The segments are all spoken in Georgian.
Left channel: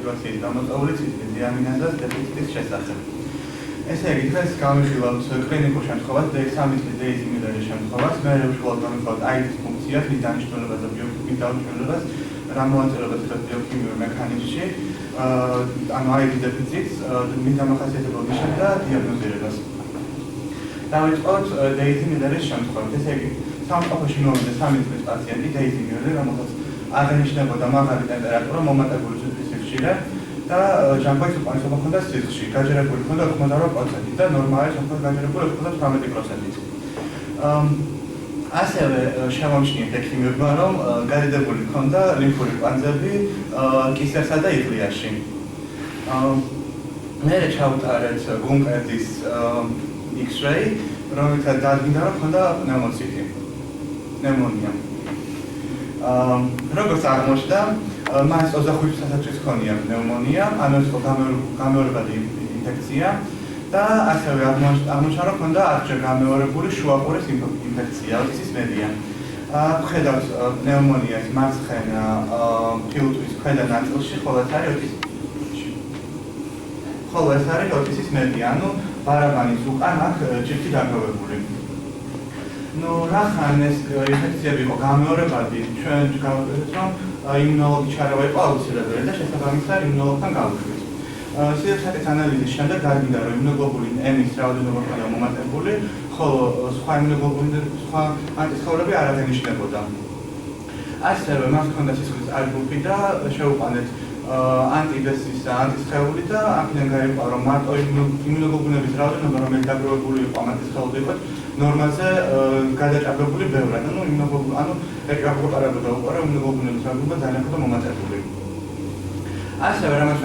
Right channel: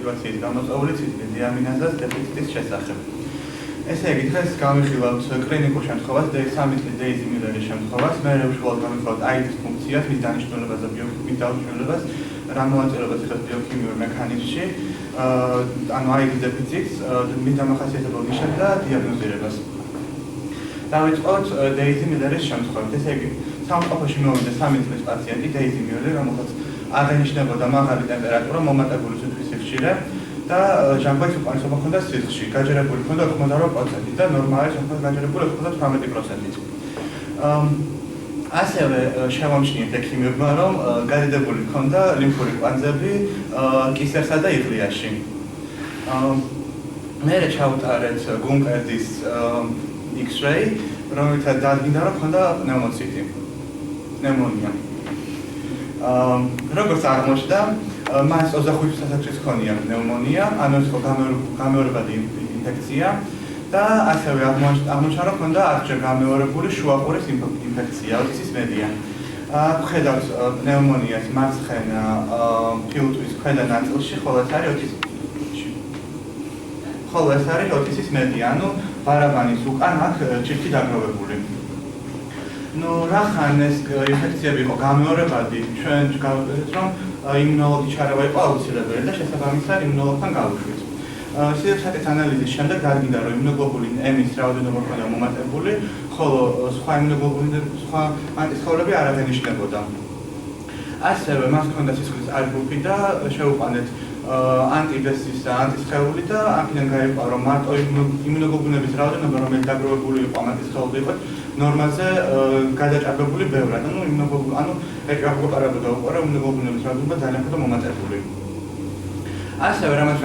სიტუაციის გამოწვეული ციტრის დიამინაზას დეფიციტის შესახებ. ესე იგი, დღეს გავიხილავთ კლინიკურ შემთხვევას, სამი წლის დეიზი მილერის შემთხვევას, მე უშუალოდ გავიხილავთ აიდის ფუნქციას, მის დანიშნულებას და ბიოქიმიის დანიშნულებას, რა მოაწერებას ხდება ბიოქიმიურ მექანიზმში, ანუ აიდის დეფიციტს, მის დამახასიათებელ ნიშნებს და დიაგნოზირებას. დავიწყოთ დეიზი მილერის შემთხვევით. ესე იგი, სამყოფოში მოვიდა 3 წლის პაციენტი დეიზი მილერი, რომელსაც აღენიშნებოდა მაღალი ტემპერატურა, მომატებული სიცხის სიხშირე და ჟანგბადის უკანასობა ჰქონდა სისხლში, გაჯერებული ჰქონდა 88% და ნორმალურად ჰქონდა გაჯერებული 98%-ით. ასევე შემომჩნიეთ ექიმებმა, რომ გადიდებული ჰქონდა ლიმფური კვანძები კისერსა და იღლიაში. მერე ჩაუტარეთ გუმყედის X-ray, რომელთაც დადგინდა, რომ ჰქონდა პნევმოციტი, პნევმონია. როგორც აღმოჩნდა, მას 25 სასაჭრის ჰქონია პნევმონია, ანუ ეს იყო გამეორებადი ინფექცია და ასევე აღმოჩნდა, რომ ჰქონდა 10-ჯერ გამეორებული შუაყურის ინფექცია, ოტისის მედია. ვხედავთ პნევმონიას მარცხენა ფილტვის ქვედა ნაწილში, ხოლო ეს არის ოტისის მედია, ანუ ბარაბანის უკან აქ ჭირთი დაგროვებული. რახან ეს ინფექციები იყო გამეორებადი, ჩვენ გავაკეთეთ, რომ იმუნოლოგის ჩარევა იყო აუცილებელი და შესაბამისად იმუნოლოგთან გავუშვით. სიძველის ანალიზის შემდეგ დადგინდა, რომ იმუნოგლობულინ M-ის რაოდენობა ჰქონდა მომატებული, ხოლო სხვა ანტისხეულები არ აღენიშნებოდა. ასევე მას ჰქონდა სისხლის არბულფი და შეუყვანეთ ანტიბესის ანტისხეული და აქედან გაიყვა, რომ მარტო იმუნოგლობულინების რაოდენობა, რომელიც დაგროვებული იყო ანტისხეულზე იყო ნორმაზე გადაჭარბებული ბევრად, ანუ ეკრაპარაბოდა უკვე რომ იმუნოგლობულინების რაოდენობა ძალიან ჰქონდა მომატებული. ასევე რამაც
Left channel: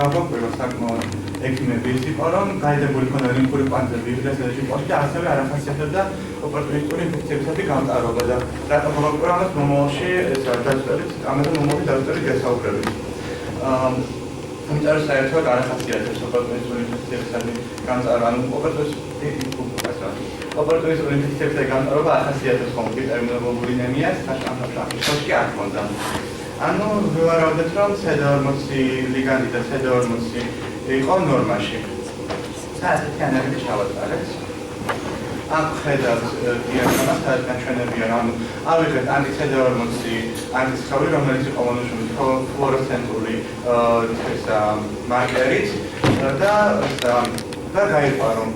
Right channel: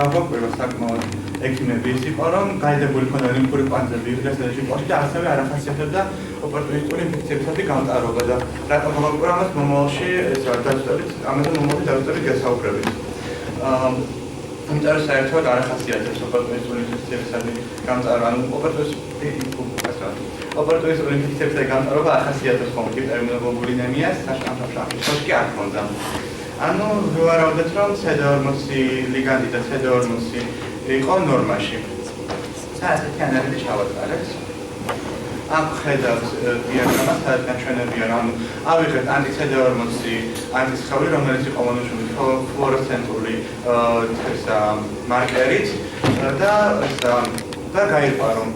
გაგვაკვირვა საკმაოდ ექიმები ის იყო, რომ გაიდებული ჰქონდა ლიმფური კვანძები იღლიაში და ჟილპოში და ასევე არ ახასიათებდა ოპორტუნისტური ინფექციებისადმი გამტარობა და რატომ გაგვაკვირვა ამას მომავალში ეს ამაზე მომავალში დავწერით გასაუბრებით. იმიტომ რომ საერთოდ არ ახასიათებს ოპორტუნისტური ინფექციებისადმი გამტარობა, ანუ ოპორტუნისტური ინფექციებისადმი გამტარობა ახასიათებს ხოლმე ჰიპერიმუნოგლობულინემიას, საშუალო კი არ ჰქონდა. ანუ ვივარავდეთ, რომ CD40 ლიგანდი და CD40 იყო ნორმაში. საერთოდ ანალიზი ჩავატარეთ. აქ ხედავთ დიაგნოზას, სადაც ნაჩვენებია, რომ ავიღეთ ანტი-CD40 ანტისხეული, რომელიც იყო მონოშუმით ფლუორესცენტული მარკერით და გაიყვა, რომ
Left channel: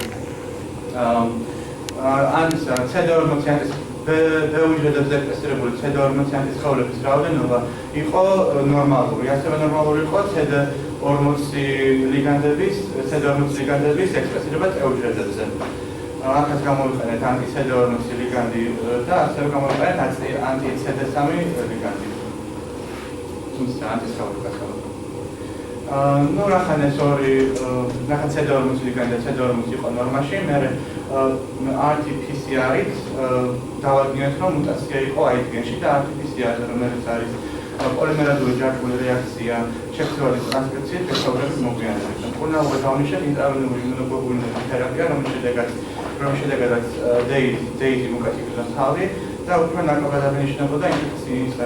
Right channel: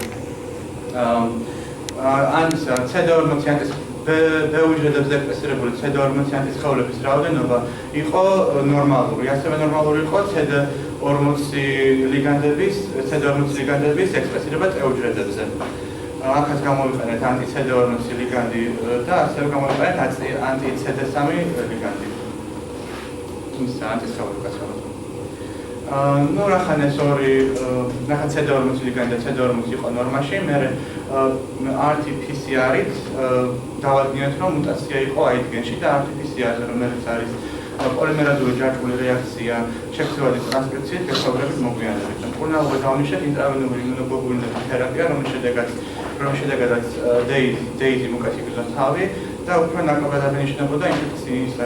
CD40 ბეუჯრედებზე ექსპრესირებული CD40 ანტისხეულების რაოდენობა იყო ნორმალური. ასევე ნორმალური იყო CD40 ლიგანდების ექსპრესირება ტეუჯრედებზე. აქაც გამოვიყენეთ ანტი-CD40 ლიგანდი და ასევე გამოვიყენეთ ანტი-CD3 ლიგანდი. თუმცა ანტისხეული კაცკაცო. რახან ეს ორი რახან CD40 ლიგანდი და CD40 იყო ნორმაში, მერე RT-PCR-ით დავადგინეთ, რომ მუტაცია იყო AIDS გენში და RT-PCR-ზე, რომელიც არის პოლიმერაზული ჯაჭვური რეაქცია შექცევადი ტრანსკრიფციით გასაუბრებით მოგვიანებით. კურნალობა დავნიშნეთ ინტრავენული იმუნოგლობულინების თერაპია, რომლის შედეგადაც დეიზი მოკაციკდა თავი და უფრო ნაკლებად აღენიშნებოდა ინფექციები.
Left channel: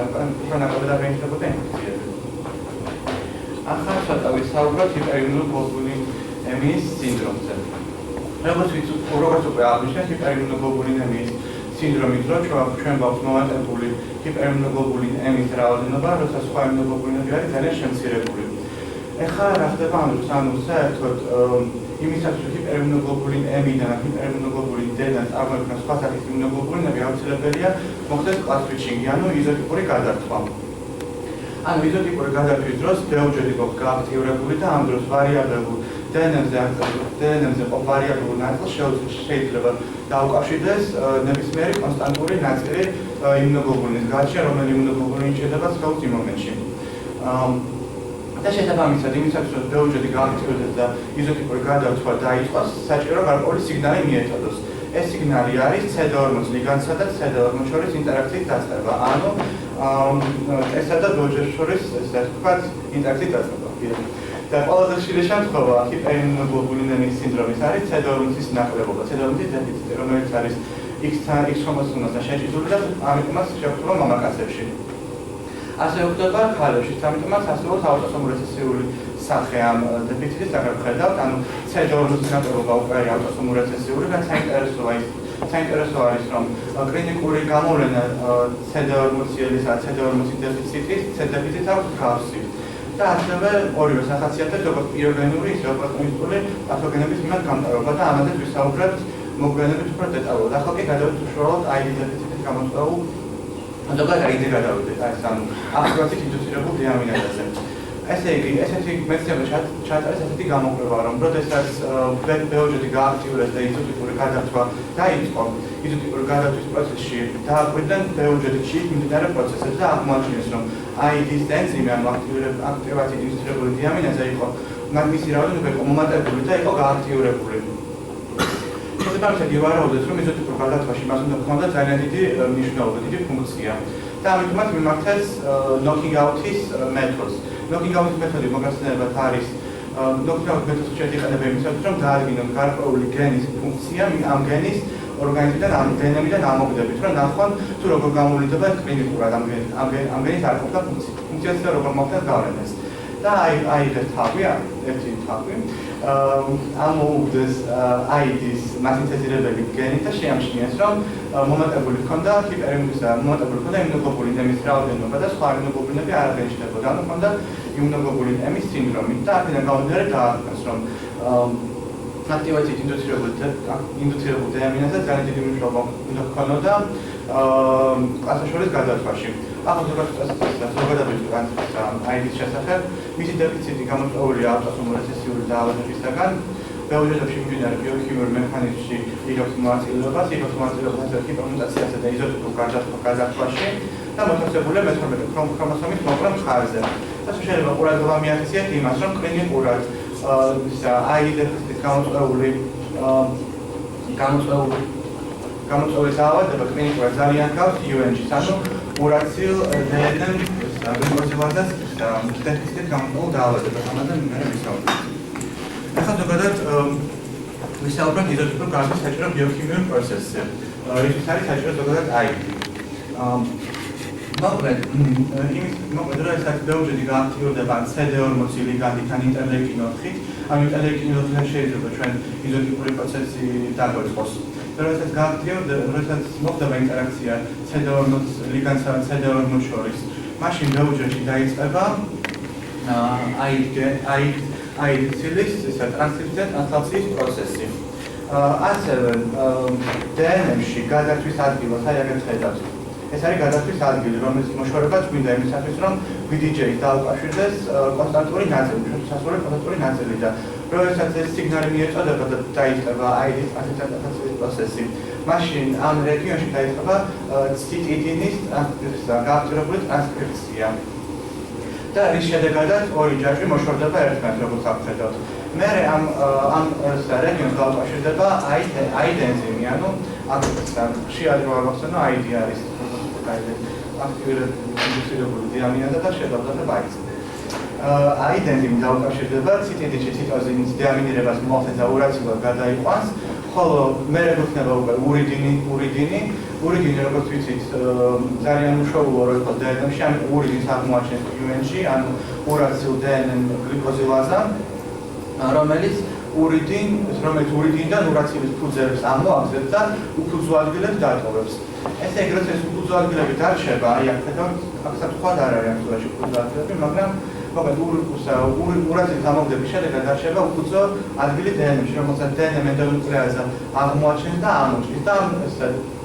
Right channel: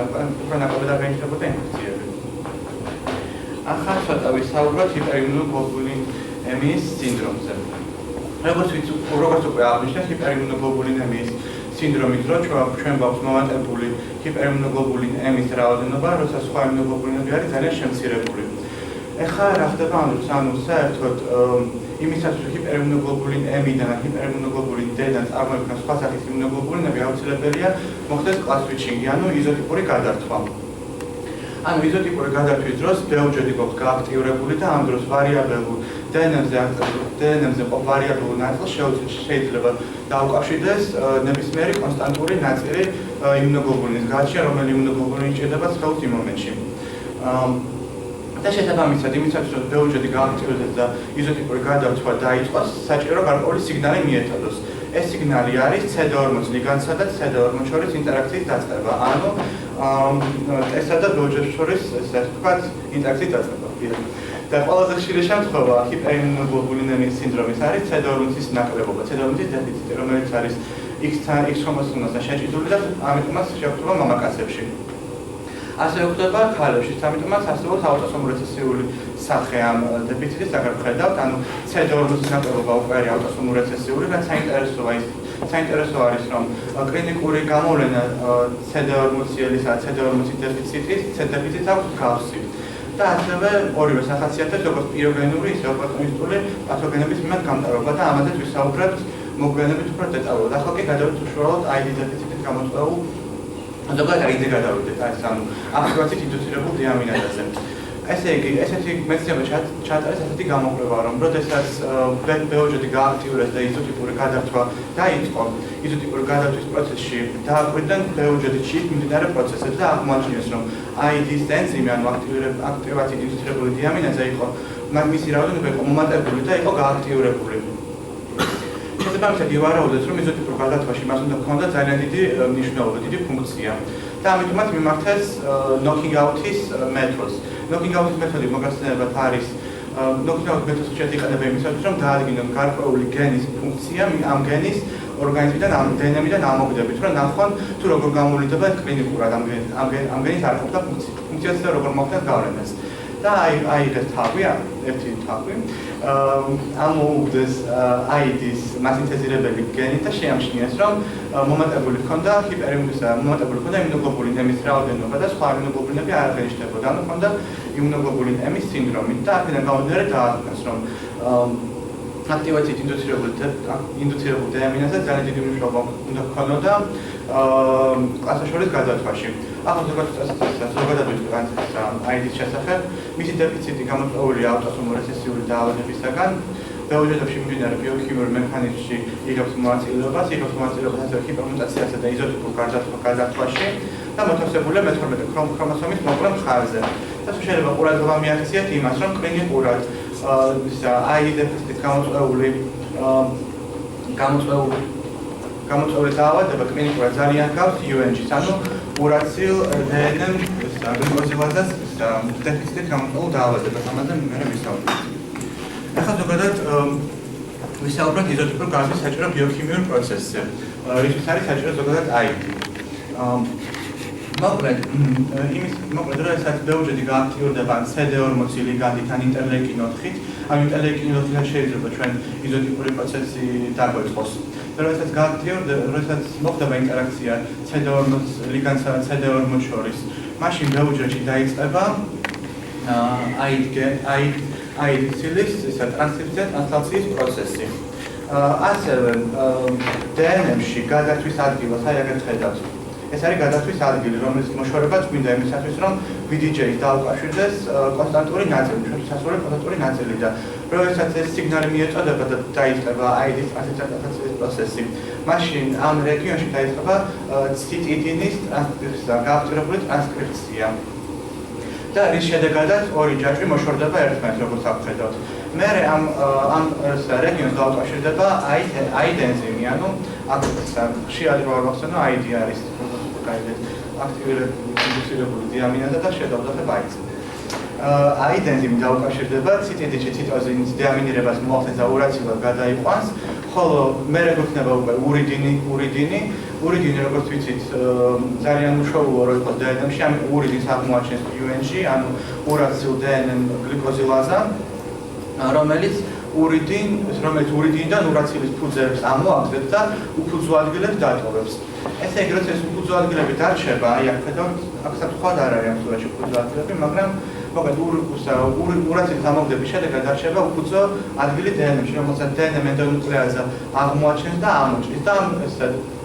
ახლა ცოტა ვისაუბროთ ჰიპერიმუნოგლობულინემიის სინდრომზე. როგორც უკვე აღნიშნეთ, ჰიპერიმუნოგლობულინემიის სინდრომით, რომ ჩვენ გვაქვს მომატებული ჰიპერიმუნოგლობულინ M-ის რაოდენობა, როცა სხვა იმუნოგლობულინები არის ძალიან შემცირებული. ეხლა რა ხდება ამ დროს? ანუ საერთოდ იმისათვის, რომ ჰიპერიმუნოგლობულინ M-დან ჰიპერიმუნოგლობულინ D-დან წარმოიქმნას სხვა სახის იმუნოგლობულინები, აუცილებელია მოხდეს კლას სვიჩინგი, ანუ იზოტიპური გადართვა. ანუ იზოტიპური გადართვის დროს ბევრჯერ იყო გააქტიურებული და ამ დროს ვარიაბელურ DNM-ზე ყოფ ვარიაბელურ ნაწილს შეიძლება დაუკავშირდეს ნებისმიერი კონსტანტური ნაწილი იმუნოგლობულინის გაჩია, რომელიც იმუნოგლობულინი ჭირდება სხეულს იმ მომენტში. და შესაბამისად, იმისათვის, რომ ბევრჯერ გააქტიურდეს და იზოტიპური გადართვა დაიწყოს, საჭირო გარკვეული სიგნალი მიეწოდოს. ეს სიგნალი არის CD40 ლიგანდსა და CD40 შორის ინტერაქციის დაწყება, ანუ ესა და ბევრჯერ შორის ესე ვთქვათ ინტერაქციის დაწყება. და ყველაზე ხშირი შემთხვევა ჰიპერიმუნოგლობულინემიის სინდრომის არის CD40-ის ნაკლებობა, CD40-ის დეფიციტი, რომელიც არის X-ხომოსომასთან შეჭიდული და ამიტომაც შეგვიძლია მამაკაცებში. ასევე ხდება ქალებში, ამიტომაც არსებობს აუტოსომური რეცესიული სახე ამ დეფიციტის, აქ ვხედავთ, ანუ C2-ის ნაკლებობა უკვე არის აუტოსომური რეცესიული, რაც საინტერესო არის, რომ კლინიკური გამოვლენა C2-ციელისა და C2-ცი დეფიციტის აქვს მსგავსი. და ასევე ორივე სახასიათებს, როგორც პიროგენური, ისე ოპორტუნისტული პათოგენების მიმართ გამტარობა და ამაზე ვისაუბრებთ მოგვიანებით უფრო დეტალურად. ახლა კი გადავიდეთ უშუალოდ ID დეფიციტის გამოწვეულ ზოგადად ID-ზე გადავიდეთ, ეს ანუ აქტივაციით ინდუცირებულ დიამინაზაზე. ესე იგი, ესეთი მეცნიერება ჩაატარეს ესეთი გამოკვლევა, რომ როდესაც ბეოჯეტი გააქტიურეს და იზოტიპური გადართვა დაიწყო, იზოტიპური გადართვის პროცესში დააკვირდნენ ბეოჯეტში მიმდინარე პროცესებს და აღმოაჩინეს, რომ ID-ის ენზიმი, ანუ აქტივაციით ინდუცირებული დიამინაზა იყო, მისი რაოდენობა იყო მომატებული და იყო გააქტიურებული. შესაბამისად ივარაუდეთ, რომ იზოტიპურ გადართვაში მას უნდა ჰქონდა ძალიან დიდი მნიშვნელობა, დიდი ფუნქცია. და ამიტომაც მიმართეს knocking out-ის მეთოდს. knocking out-ის მეთოდი მოგახსენებათ არის knocking out მეთოდს შეეხება იმისათვის, რომ დაადგინონ გარკვეული გენის ფუნქცია ამ გენის ორგანიზმიდან, ამ დნმ-დან ამოგდებით, რომ ნახონ თუ როგორ გამოვლინდება კლინიკურად ამ გენის არ ყოფნა ფუნქციას და როგორ მოხდეს გავლენას. და აიღეს თავი, ერთი თავი, ამოუგდეს ID-ის მასინთეზირებელი გენი და შეამჩნიეს, რომ მომატებული ჰქონდა იმუნოგლობულინ M-ის რაოდენობა და სხვა იმუნოგლობულინები არ აღენიშნებოდა, ანუ ჰქონდა იმუნოგლობულინ M-ის სინდრომი და აქედან გამომდინარე დააკვირდეს, რომ აქტივაციით ინდუცირებულ დიამინაზზე ძალიან დიდი მნიშვნელობა უნდა ჰქონოდა კლასაშორის გადართვაში. ახლა ზოგადად ვიტყვით ID-ის შესახებ, მისი დეფიციტი გამოწვეულია აუტოსომური რეცესიული დაავადებისაგან. ბეოჯეტებში მიმდინარე ბიოქიმიურ მექანიზმში იღებს მონაწილეობას ასევე ჰიპერმუტაციასა და იზოტიპურ გადართვაში და მოთავსებულია მე-12 ქრომოსომის მოკლე მხარეზე. და შეიძლება ყურადღება მიაქციათ იმას, რომ კლინიკურად ID დეფიციტით გამოწვეული დაავადება კლინიკურად ძალიან გავს UNG-ს, ანუ ურაცილ დნმ გლიკოზილაზას დეფიციტით გამოწვეულ დაავადებას, ამაზე მე ვისაუბრებ. ახლა ზოგადად ვისაუბრებთ იზოტიპურ გადართვის საჭირო ბიოქიმიურ პროცესზე, რისთვის არის საჭირო ზოგადად ID. მოკლედ, როდესაც ბეოჯეტი გააქტიურდება CD40 ლიგანდით ან ინტერლეიკინ 4-ით, ამ ინტერლეიკინ 4-თან შეიძლება ჩვენ იზოტიპური პროცესი დაგვეწყოს. როდესაც გააქტიურდება, როდესაც მოხდება ინტერაქცია CD40 ლიგანდსა და CD40 შორის, მაშინ ბეოჯეტში დაიწყება ID-ცილის ტრანსკრიფცია ტრანსლაციის პროცესი. ასევე DNM-ში გადართვის ადგილას, აი აქ ხედავთ. ეს არის გადართვის ადგილი, რომელიც მოშორებაც გვინდა იმისათვის, რომ VDJ-ს დაუკავშირდეს კონსტანტური ნაწილი, შესასვლელი კონსტანტური ნაწილი და როდესაც ეს სიგნალი მიეწოდება და დაიწყება ID-ის ტრანსკრიფციის პროცესი, მაშინ ამ რეგიონში დაიწყება ციტიდინის გააქტიურებული ტრანსკრიფცია. და რის შედეგადაც ორი ჯაჭვი მოშორდება ერთმანეთს, როგორც აღხედავთ. მერე ამ რეგიონს დაუკავშირდება ID ენზიმი, ანუ აქ ხშირად რო აღხსენო ID არის აქტივირებული დიამინაზა და შედავდაება ID-ს. ID ენზიმი დაუკავშირდება ციტიდში ციტოზინის დიამინირებას მოახდენს და ურაცილად გადაიყვანს, ხოლო მერე გვექნება უკვე ურიდინი, როგორც ვიცით, ძალიან უშუალოა რო იყოს DNM-ში, ამიტომ ურიდინს აღმოაჩენს UNG, ანუ ურაცილ DNM გლიკოზილაზა, რომელიც ურიდინიდან ურაცილის ფუძეებს ამოაგდებს და უფუძო ადგილებს დატოვებს. ესე იგი, როცა ეს უფუძო ადგილები დარჩება, აი აქ ხედავთ, აქ სათხად არ არის აქტუალში უფუძო ადგილები, მაგრამ მოკლედ ურაცილის ამოგდების შედეგად დარჩება უფუძო ადგილი DNM-ში, რომელსაც DNM ენდონუკლეაზა აღმოაჩენს და ამოჭრის და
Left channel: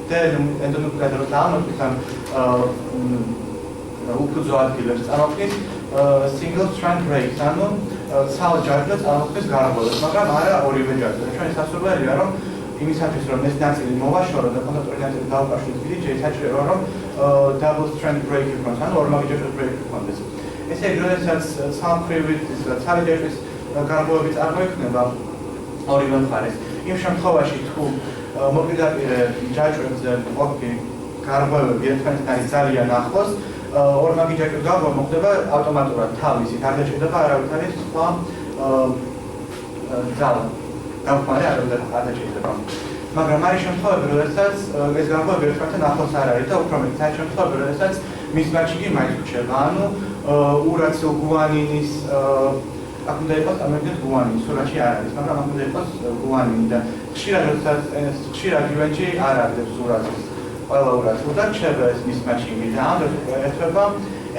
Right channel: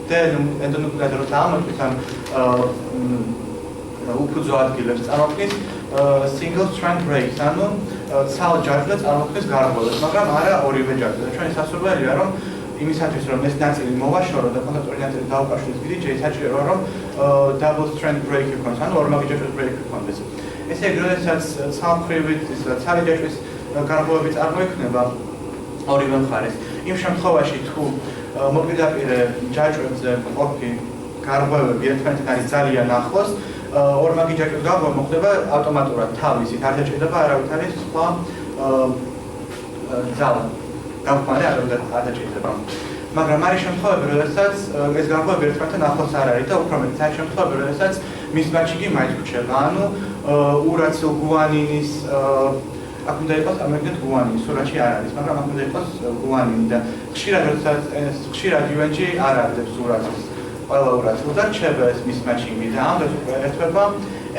DNM ენდონუკლეაზა როცა ამოჭრის ამ უფუძო ადგილებს წარმოქმნის single strand breaks, ანუ ცალ ჯაჭვს წარმოქმნის გარღვევას, მაგრამ არა ორივე ჯაჭვს. ჩვენი სასურველია, რომ იმისათვის, რომ ეს ნაწილი მოვაშორო და კონსტანტური ნაწილი დაუკავშირდეს VDJ-ს, საჭიროა, რომ double strand break იქონდეს, ანუ ორმაგი ჯაჭვის break იქონდეს. ესე იგი, როდესაც ცალმხრივი ცალი ჯაჭვის გარღვევები წარმოიქმნება ორივე მხარეს, იმ შემთხვევაში თუ მოპირდაპირე ჯაჭვებზე ყოფი გარღვევები ერთმანეთთან არის ძალიან ახლოს, ორმაგი ჯაჭვის გარღვევა მოხდება ავტომატურად თავისით, არ დაჭირდება არავითარი სხვა ძალა. გამხმარე არ დაჭირდება. მაგრამ არის შემთხვევები, როდესაც ეს გარღვევები ერთმანეთთან ახლოს არ არის და უფრო მეტიც არის შემთხვევები, როდესაც მის მაჩინგი მაინც რჩება. ანუ ურაცილ გუანინის აქ უნდა იყოს ამერიკად გუანინი, სურათში არ არის, მაგრამ აქ უნდა იყოს გუანინი და ხშირად ივენჯი არ არის ურაცილს. ყველა ურაცილ და რჩება ეს მის მაჩინგი და ამ დროს ერთვება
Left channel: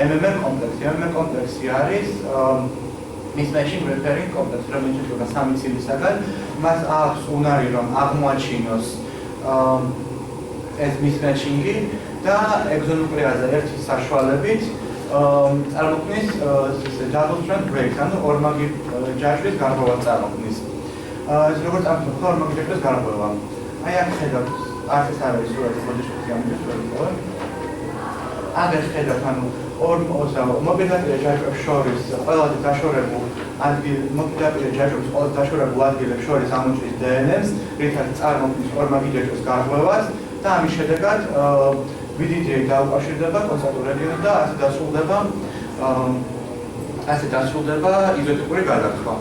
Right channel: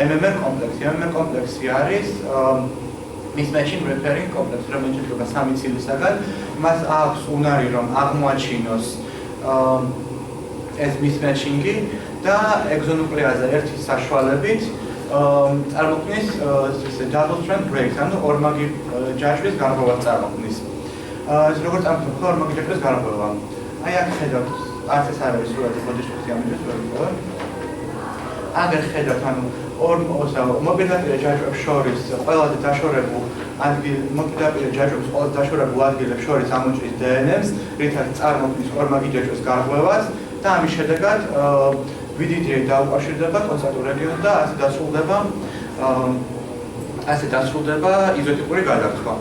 MMR კომპლექსი. MMR კომპლექსი არის mismatching referring complex, რომელიც შედგება სამი ცილისაგან, მას აქვს უნარი რომ აღმოაჩინოს ეს mismatching-ი და ეგზონუკლეაზა ერთის საშუალებით წარმოქმნის double strand breaks, ანუ ორმაგი ჯაჭვის გარღვევას წარმოქმნის. ეს როგორც ამბობთ, ორმაგი ჯაჭვის გარღვევა. აი აქ ხედავთ, არც ეს არ არის სურათი, ბოდიშოთი ამბობს ვერ. აგერ ხედავთ, ანუ მოპირდაპირე ჯაჭვებს შორის ყველაზე დაშორებულ მოპირდაპირე ჯაჭვებს ყველაზე დაშორებულ ადგილებს შორის ამოჭრის DNS-ს, რითაც წარმოქმნის ორმაგი ჯაჭვის გარღვევას და ამის შედეგად VDDA დაუკავშირდება კონცენტრულ რეგიონს და ასე დასრულდება იზოტიპური გადახრვა.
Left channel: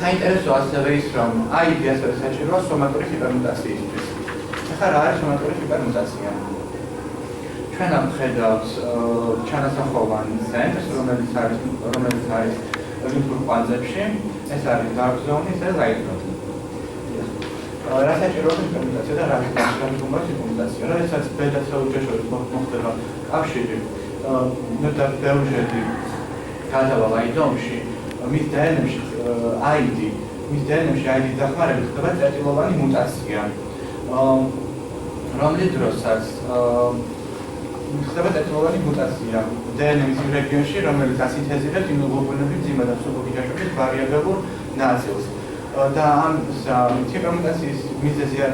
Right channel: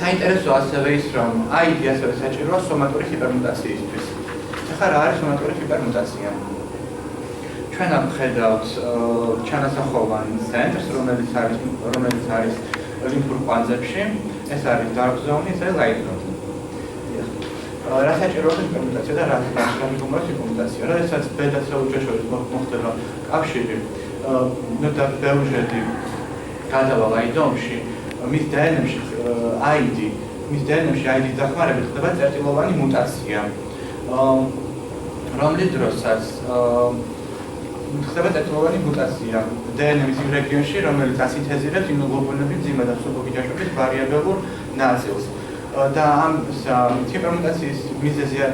საინტერესო ასევე ის, რომ ID ასევე საჭიროა სომატური ჰიპერმუტაციისთვის. ახლა რა არის სომატური ჰიპერმუტაცია? ჩვენ ამ ხედავთ ჩანასახოვან ცენტრს, რომელიც არის ლიმფურ კვანძებში, ეს არის dark zone, ეს არის light zone. რა საჭიროა ჰიპერმუტაცია და რა გუმბათი ჰიპერმუტაცია. როდესაც ბეტა ცელულთა შორის მოხდება კავშირი და ბევრჯერდი გადავა light zone-ში, მის DNS-ში ID დახმარებით ხდება წერტილოვანი მუტაცია, რომლის დროსაც ხდება წერტილოვანი მუტაცია DNS-ის იმ რეგიონში, რომელიც ასინთეზირებს იმუნოგლობულინების მძიმე და მსუბუქი ჯაჭვების ვარიაბელურ ნაწილს. და ამ ჰიპერმუტაციის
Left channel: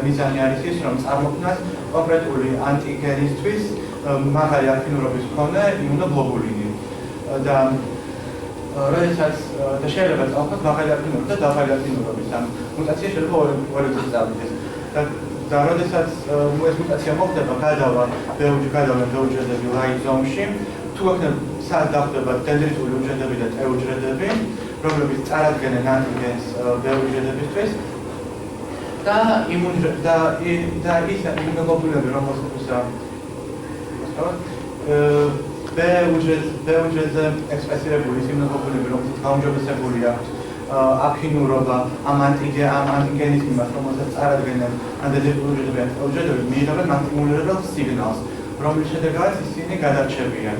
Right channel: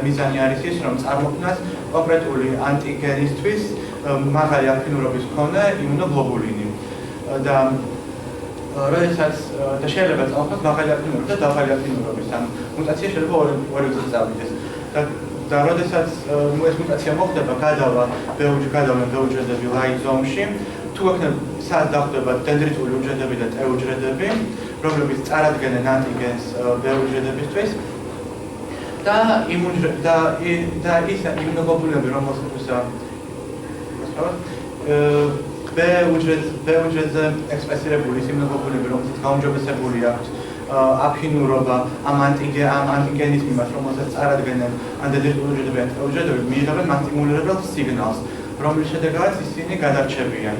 მიზანი არის ის, რომ წარმოქმნას კონკრეტული ანტიგენისთვის მაღალი აფინურობის მქონე იმუნოგლობულინი. და როდესაც და შეიძლება წავხოს მაღალი აფინურობის და დაბალი აფინურობის ამ მუტაცია შეიძლება ორი წელი წავიდეს. და როდესაც ეს მუტაცია მოხდება, გადავა ბევრჯერდები light zone-ში, თუ აქნებ სად დახვდება დენდრიტული უჯრედები და T უჯრედები, რომლებიც წარადგენენ ანტიგენს ბევრჯერდებისთვის და ის იმუნოგლობულინები, რომელსაც B უჯრედზე ექსპრესირებული ის იმუნოგლობულინები, რომელსაც გაუმჯობესებული აქვს აფინურობა ამ ანტიგენის მიმართ, რომელსაც წარადგენენ ან დენდრიტული უჯრედები ან T უჯრედები, მიიღებენ მასტიმულირებელ სიგნალს, რომლის შედეგადაც ისინი გადარჩებიან.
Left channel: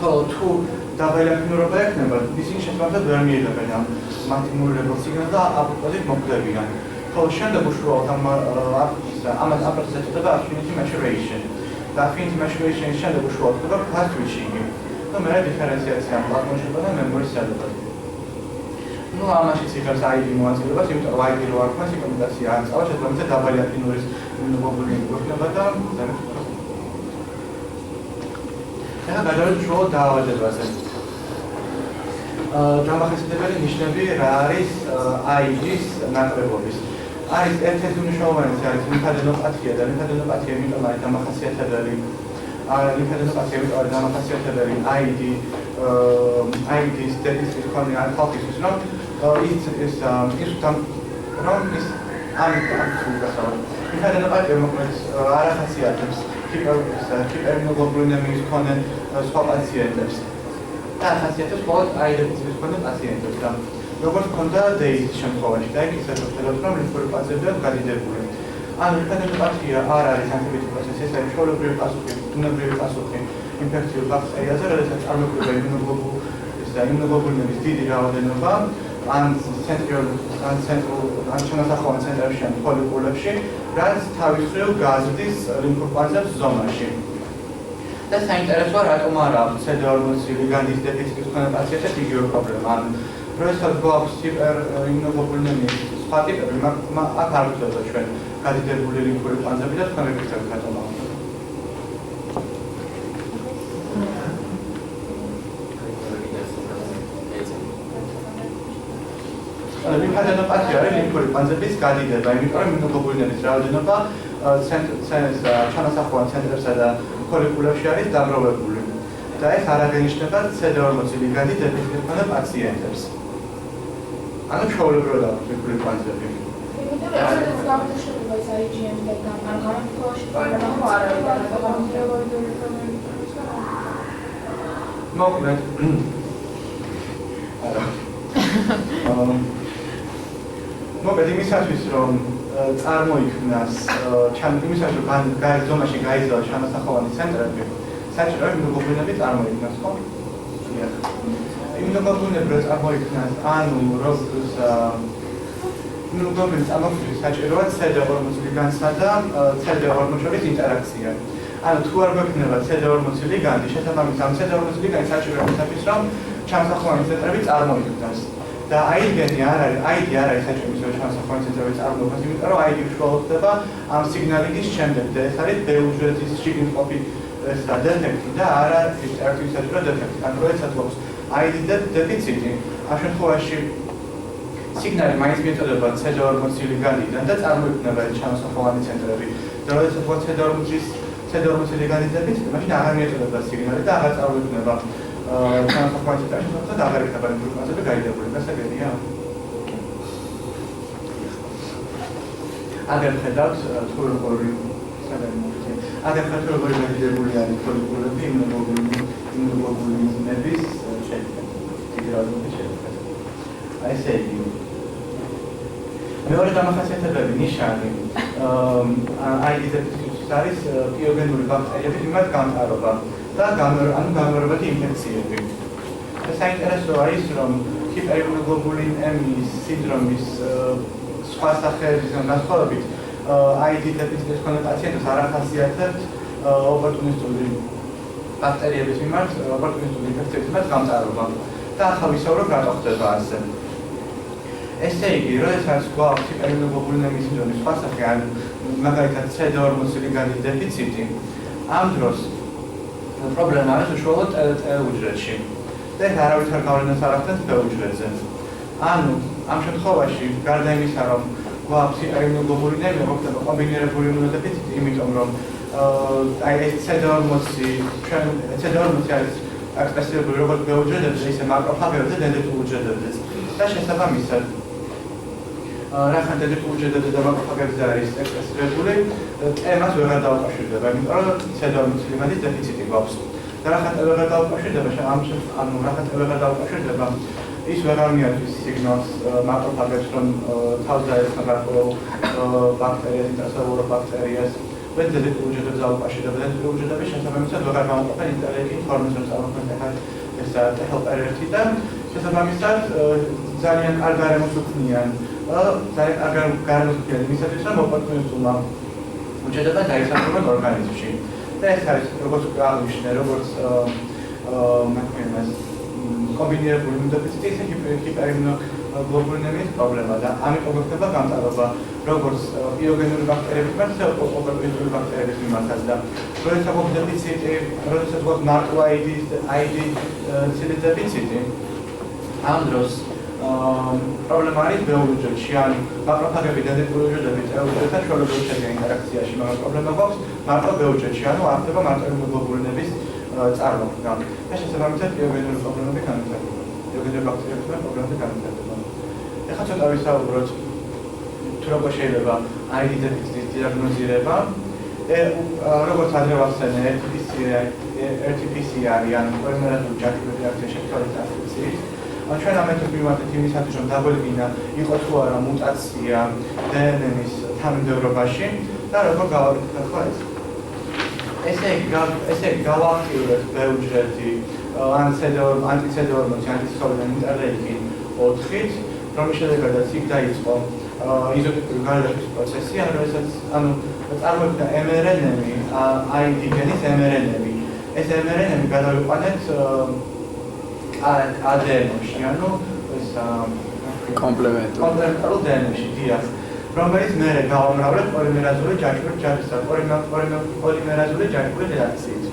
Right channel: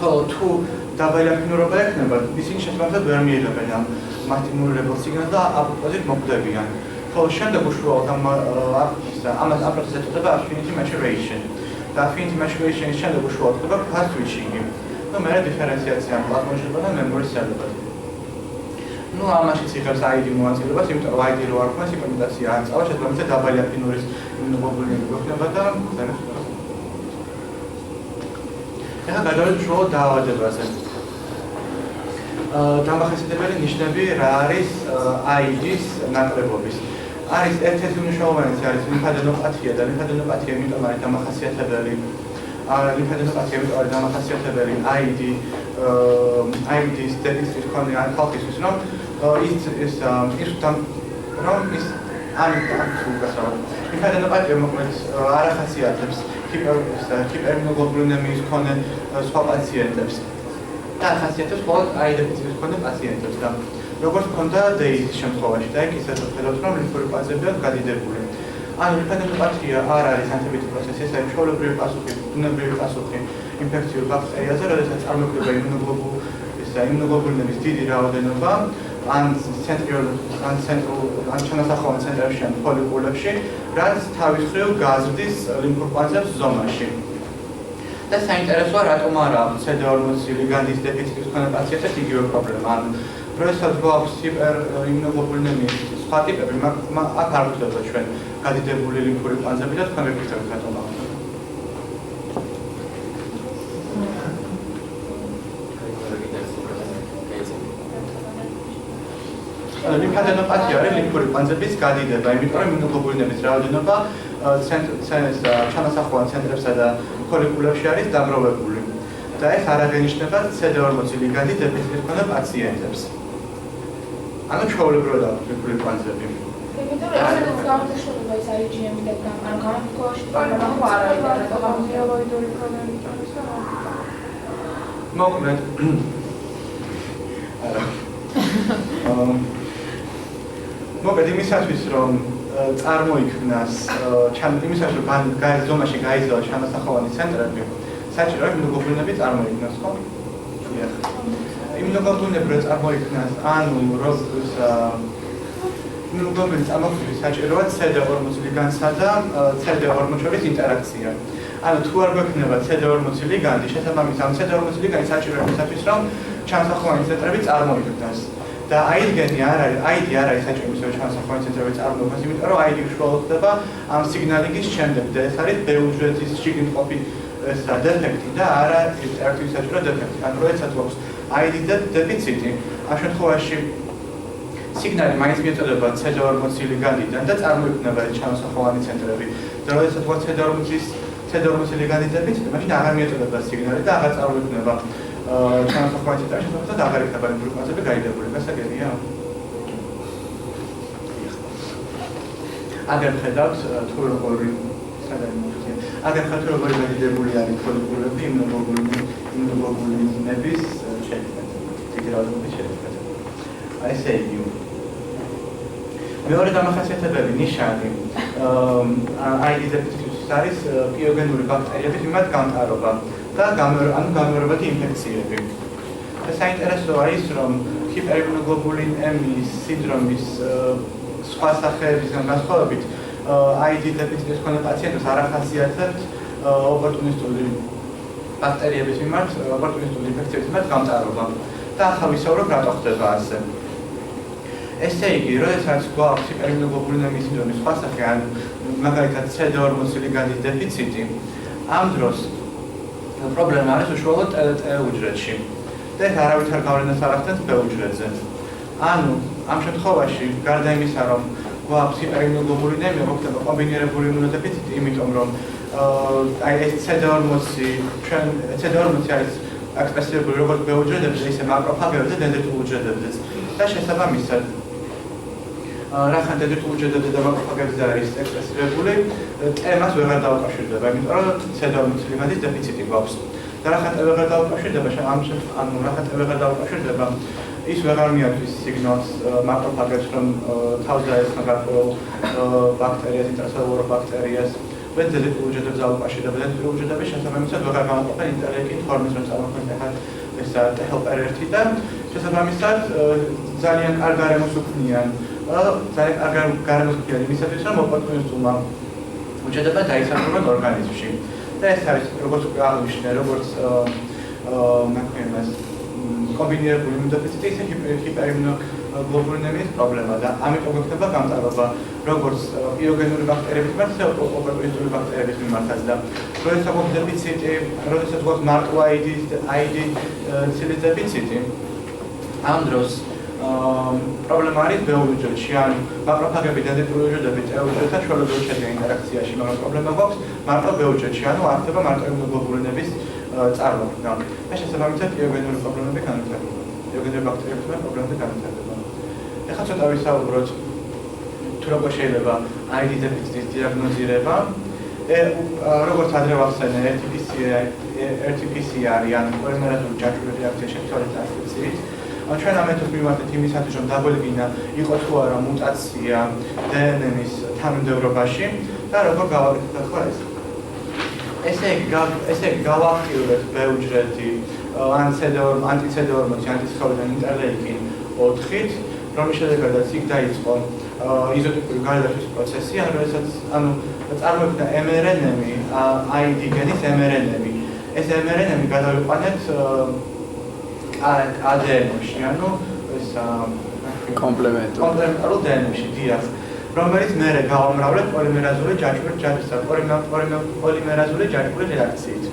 ხოლო თუ დაბალი აფინურობა ექნება, ისინი შესაბამისად ვერ მიიღებენ ამ მასტიმულირებელ სიგნალს და აპოპტოზით მოკვდებიან. ხოლო შემდეგ უშუალოდ ამას ამ პროცესს ეწოდება affinity maturation. და affinity maturation-ის შემდეგ უშუალოდ ხდება fast switching-ი. და მერე დიფერენციაცია პლატონშება და მემორის შედეგად. ну ამაშიც იღებს ID მოაწილებას, იმიტომ რომ ID რო არ ქონდეს ჰიპერმუტაცია არ წავა, შესაბამისად დაბალი აფინურის იმუნოგლობულინები გვექნება და ახლა გადავიდეთ უშუალოდ დაავადებაზე. დამახასიათებელი ნიშნები რა არის ID-ის ნაკლებობის. არის ერთ-ერთი მნიშვნელოვანი არის ლიმფადენოპათია და ლიმფადენოპათია იმიტომ არის დამახასიათებელი. ლიმფადენოპათია იმიტომ არის დამახასიათებელი ID-ის დეფიციტის მქონე ან ხალხისთვის, რომ ლიმფადენოპათია მოკლედ არ ახასიათებს ჰიპერიმუნოგლობულინემიის მქონე სხვა პაციენტებს და ახასიათებს მხოლოდ ID დეფიციტის მქონე პაციენტებს და როგორც ჰქონდა DAIS-ის შემთხვევაში და იქ ისე ვხედავთ, რომ ლიმფური პაზებია გადიდებული. ანუ ლიმფადენოპათია არ არის ანტიბიოტიკ პროცესი, ეს არის ჩვეულებრივი პასუხი, ბუნებრივი პასუხი ინფექციურ ბაქტერიაზე, როდესაც წარმოქმნება იმუნოგლობულინების დიდი რაოდენობა ან ჩანასახოვან ცენტრებში ან ფოლიკულებში, რაც თავის მხრივ გაზრდის ლიმფურ კვანძებს ზომაში. და საინტერესოა, რატომ არ აქვს CD40 ლიგანდის დეფიციტის მქონე პაციენტებს იგივე პრობლემა. როდესაც გვაქვს ჰიპერიმუნოგლობულინემიის სხვა ტიპები, აქ არ გვხვდება ჩვენ გადიდებული ლიმფური კვანძები და თქვენ მეკითხებით რატომ არ. ლიმფადენოპათია არის ლიმფური კვანძების გადიდება, იმიტომ რომ იმუნოგლობულინების რაოდენობა ჩანასახოვან ცენტრებსა და ფოლიკულებში არის დაგროვებული. და ეს არ აღენიშნება CD40 ლიგანდის დეფიციტის მქონე პაციენტებს. ანუ ჩვეულებრივად აქვს ლიმფური კვანძები. მოკლედ მოკლედ იმისათვის რომ წარმოიქმნას იმისათვის რომ ზონაში გაიზარდოს ჩანასახოვანი ცენტრები საჭიროა იმუნოგლობულინები წარმოიქმნას ხო? დიახ. იმუნოგლობულინები რო წარმოიქმნას ანუ როგორც იმუნოგლობულინის წარმოქმნის საჭიროა CD40 ლიგანდსა და CD40 შორის ინტერაქცია. ანუ თუ არ გვექნება CD40 ლიგანდი, შესაბამისად ამ CD40 ლიგანდი საჭიროა იმისათვის რომ ჩანასახოვანი ცენტრები წარმოიქმნას. და ID-ი არ არის საჭირო იმისათვის რომ ჩანასახოვანი ცენტრები წარმოიქმნას, იმიტომ რომ ID უშუალოდ ხდება ამ სიგნალინგის შემდეგ და ეს არის ბეუჯრედის შიგნიყოფი დეფექტი და არა ერთი საჭირო დეფექტი. ანუ როდესაც გვაქვს ID დეფიციტი, ამ შემთხვევაში სიგნალი მაინც მიეწოდება CD40 ლიგანდიდან და წარმოიქმნება ჩანასახოვანი ცენტრები. და როდესაც გვაქვს CD40 ლიგანდის დეფიციტი, მაშინ აღარ მიეწოდება სიგნალი და აღარ წარმოიქმნება ჩანასახოვანი ცენტრები, შესაბამისად აღარ იქნება გლუკოზები გაიდებული. გასაგებია? აგერ ხედავთ თუ როგორი აგერ გაიდებული არის მოლეკულები იმუნოგლობულინების შექმნა. დიდი რაოდენობის შექმნა. აი ესე იგი. მეორე დამახასიათებელი ნიშანი ID დეფიციტის არის პიოგენური ბაქტერიების მიმართ გამტარობა და გამეორებადი ინფექციები. საინტერესოა ის, რომ ჰიპერიმუნოგლობულინემიის სინდრომის სხვა სახეებისგან განსხვავებით ID დეფიციტის მქონე პაციენტებს არ ახასიათებთ ოპორტუნისტული ბაქტერიების მიმართ, ოპორტუნისტული ინფექციების მიმართ გამტარობა. და ახლა ვისაუბრებ რატო ხდება ასე. ესე იგი, როდესაც გვაქვს ჰიპერიმუნოგლობულინემიის სინდრომის სხვა სახე, ან მაგალითად CD40 ლიგანდის დეფიციტი, ამ დროს პრობლემა არის უშუალოდ T უჯრედში. და ეს არავითარ გავლენას არ ახდენს B უჯრედზე. ანუ ამ შემთხვევაში, გარდა იმისა, რომ გვაქვს ჰიპერიმუნოგლობულინემია, მოხდება კომბინირებული იმუნოდეფიციტი, იმიტომ რომ აი ეს CD40 არის აკსპესირებული როგორც B უჯრედებზე, ისე მაკროფაგებზე და დენდრიტულ უჯრედებზეც. და შესაბამისად რახან დენდრიტულ უჯრედებზე და მაკროფაგებზე არის აკსპესირებული, T-მას ვეღარ დაუკავშირდება, იმიტომ რომ CD40 ლიგანდის დეფიციტი გვაქვს. და რახან T ვეღარ დაუკავშირდება, ანუ რახან T ვეღარ დაუკავშირდება, ის ვეღარ მიათვის სიგნალს მაკროფაგებს, რომ თავს დაესხა გარკვეულ ბაქტერიას, ინტრაცელულურ ბაქტერიას, და დენდრიტულ უჯრედებზე დაუკავშირდება. დენდრიტულ უჯრედები შესაბამისად ვეღარ გამოყოფენ ინტერლეიკინ ფორმის, რომ წარმოქმნიან ეს T-helper-1 და შესაბამისად ძალიან კარგ გარემოს უქმნიან. ძალიან კარგ გარემოს უქმნიან იმისათვის, რომ ოპორტუნისტულმა უჯრედებმა დაისახურონ ორგანიზმში. და ეს არის როგორც უკვე აღნიშნე, როგორც კომბინირებული იმუნოდეფიციტი, ისე ჰიპერიმუნოგლობულინემიის პრობლემა და ამიტომ გვექნება გამტარობა როგორც პიოგენური ბაქტერიების მიმართ, ისე ოპორტუნისტული ბაქტერიების მიმართაც და როდესაც გვაქვს დეფიციტი, როდესაც გვაქვს მარტო ID ცილის დეფიციტი, ამ დროს პრობლემა არის B უჯრედში, ანუ მაკროფაგები დენდრიტული უჯრედები T უჯრედთან ჩვეულებრივ შედიან ინტერაქციაში, მაგრამ პრობლემა გვაქვს მარტო B უჯრედში, ანუ არ ხდება მარტო იმუნოგლობულინების წარმოქმნა. და შესაბამისად პიოგენური პრობლემები განვითარდება. პიოგენური ბაქტერიების პრობლემები განვითარდება. ეხლა ცოტა ვისაუბროთ თუ როგორ შეიძლება ID დეფიციტის დიაგნოზირება. როგორც ადრე ვახსენე, RT-PCR ან პოლიმერაზული ჯაჭვური რეაქცია შექმნილი ტრანსკრიფციით. ჩვენ ამ მეთოდს მივარდეთ იმისათვის, რომ დაგვედგინა იყო თუ არა მუტაცია DNN-ის თანმიმდევრობაში და როგორ გავაკეთეთ ახლა ეს. ესე იგი გავაქტიურებთ B უჯრედი ან ანტი-CD40 ანტისხეულიდან ინტერლეიკინ 4-ით, რომლის შედეგადაც იქ დაიწყო იზოტიპური გარდაშვის პროცესი, ანუ წარმოიქმნა mRNA-ები, ID გენის mRNA-ები. ეს mRNA-ები გადავიყვანეთ ADN-ში, ანუ ეს კომპლემენტარულ DNN-ში, დიახ, რომელიც მერე გავამრავლებთ პოლიმერაზული ჯაჭვური რეაქციით.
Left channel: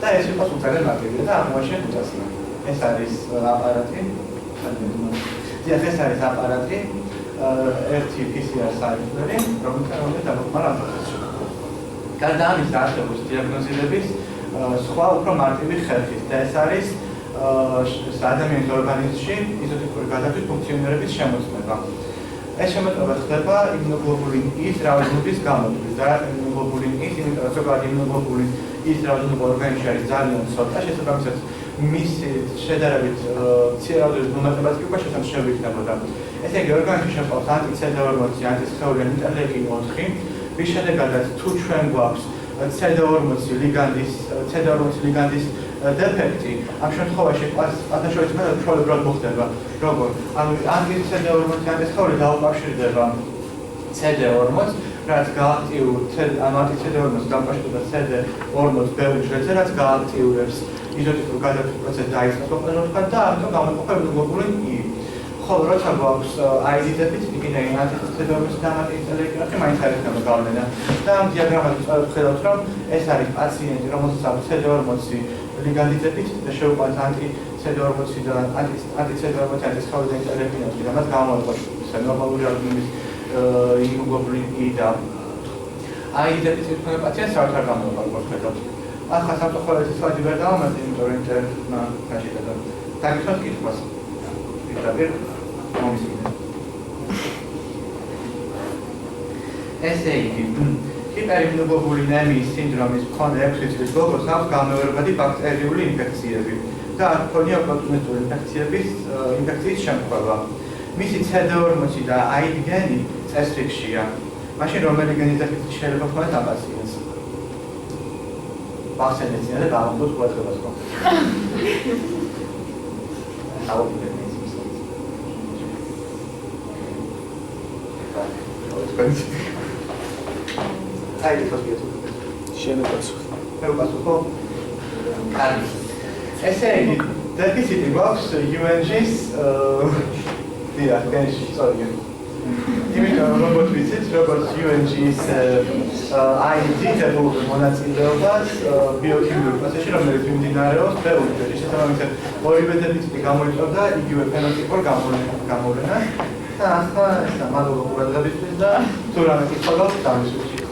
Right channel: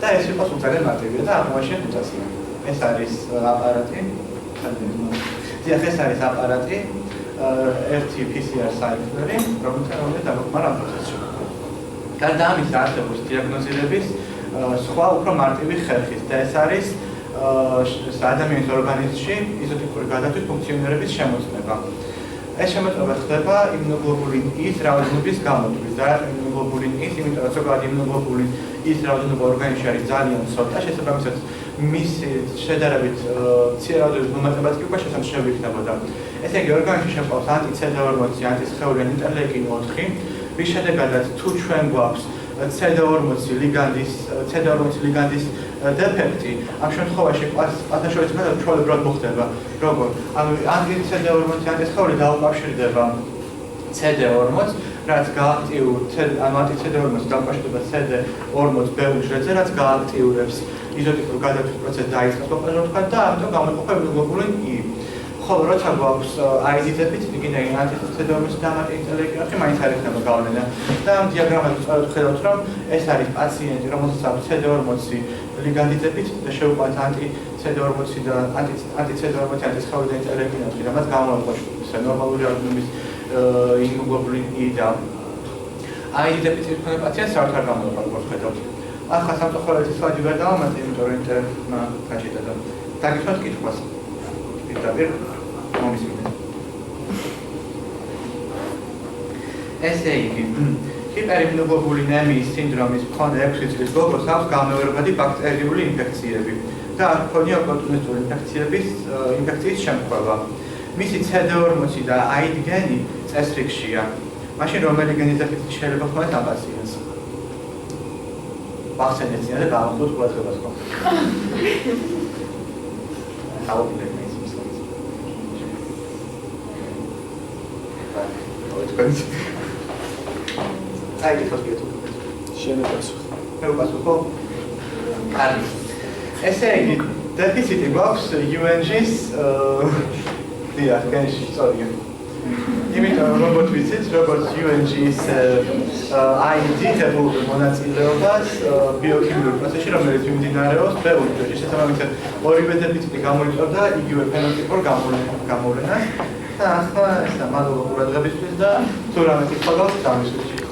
და ეს იყო ძალიან მარტივია და აღმოაჩინეთ მუტაცია. ეს არის აპარატი, დიახ, ეს არის აპარატი, RT-PCR საიტები, რომელიც დაგვიყვანა ამ პროცესში. გარდა ამისა, არსებობს დიაგნოზირების სხვა უფრო მარტივი ხერხით და ეს არის ადამიანის ორგანიზმში იზოტიპური გადათვის ფუნქციონირების შემოწმება. ეს შემოწმება ხდება იმუნოგლობულინ E-ის რაოდენობის გამოდვრის და იმუნოგლობულინ E-ის, იმიტომ რომ ზოგადად იმუნოგლობულინ E-ის რაოდენობა ორგანიზმში არის ძალიან ცოტა, შესაბამისად მისი შედარებით მცირე რაოდენობის მომატებაც კი უკვე შესამჩნევი იქნებოდა. ესე იგი, ორგანიზმში შეყვავს ანტი-CD40, ანტისხეული ინტერლეიკინ-4, რის შედეგადაც თუ ჩვენ გვაქვს CD40 ლიგანდის დეფექტი, ამ შემთხვევაში ათაშორის მეტად ჩვეულებრივად მოხდება. როგორ? ანუ ანტი-CD40 ანტისხეული დაუკავშირდება CD40, რაც ანტი-CD40 დაუკავშირდება CD40 ბეუჯრედზე, რაც გააქტიურებს იზოტიპურ გადათვის პროცესს დაიწყებს მოყოლოთქვა და ამიტომ გამოიყოფა იმუნოგლობულინ E. ხოლო როცა გვაქვს ID დეფიციტი, კიდე ანტი-CD40 და ანტი-ინტერლეიკინ-4 მაინც არ იქნება გავლენა. და ამ დიაგრამაზე სწორად ხედავთ, რომ ეს არის პაციენტი, რომელსაც აქვს CD40 ლიგანდის დეფიციტი და შეუყვანს ანტი-CD40 და ანტი-CD40 ანტისხეული და ინტერლეიკინ-4, რამაც გამოიყოფა ნორმალური რაოდენობის იმუნოგლობულინ E და ID დეფიციტი მქონე პაციენტს საერთოდ არ გამოიყოფა, როგორც ხედავთ. ახლა სამწუხაროდ სლაიდი ვერ დავამატე, იმიტომ რომ ინტერნეტმა გაჭირდა და დაგიხსნათ კითხვას. პირდაპირ მომისმინეთ. ესე იგი, ჰიპერიმუნოგლობულინემიის სინდრომის მქონე 6 წლის გოგოს აქვს გამეორებადი ბაქტერიული ინფექციები და არ ჰქონია ოპორტუნისტური ინფექციის შემთხვევა. მისი CD40 და ID გენი წესრიგშია. მაშინ რომელი გენის დეფიციტი შეიძლება ჰქონდეს ამ პაციენტს? ვახსენეცია და გამოხდოთ ყურადღებას ხო? აი ეს ვასკეთო. შენებასუხ. მე ვასუხო. კარგი. ესე იგი, დეფიციტი გვაქვს UNG-ის დიახ, გენში სწორია. იმიტომ რომ როგორც ვიცით, როგორც UNG-ის ID დებულობენ მონაწილეობას ბიოქიმიურ პროცესში, რომელიც მიმდინარეობს ბევრ დროში. შესაბამისად, ორივე დეფიციტი გამოიწვევდა იგივე ფენოტიპურ გამოვლენას. და ახლა ესა მადლობა ყურადღებისთვის და თუ რამე კითხვა გაქვთ, დამისვით.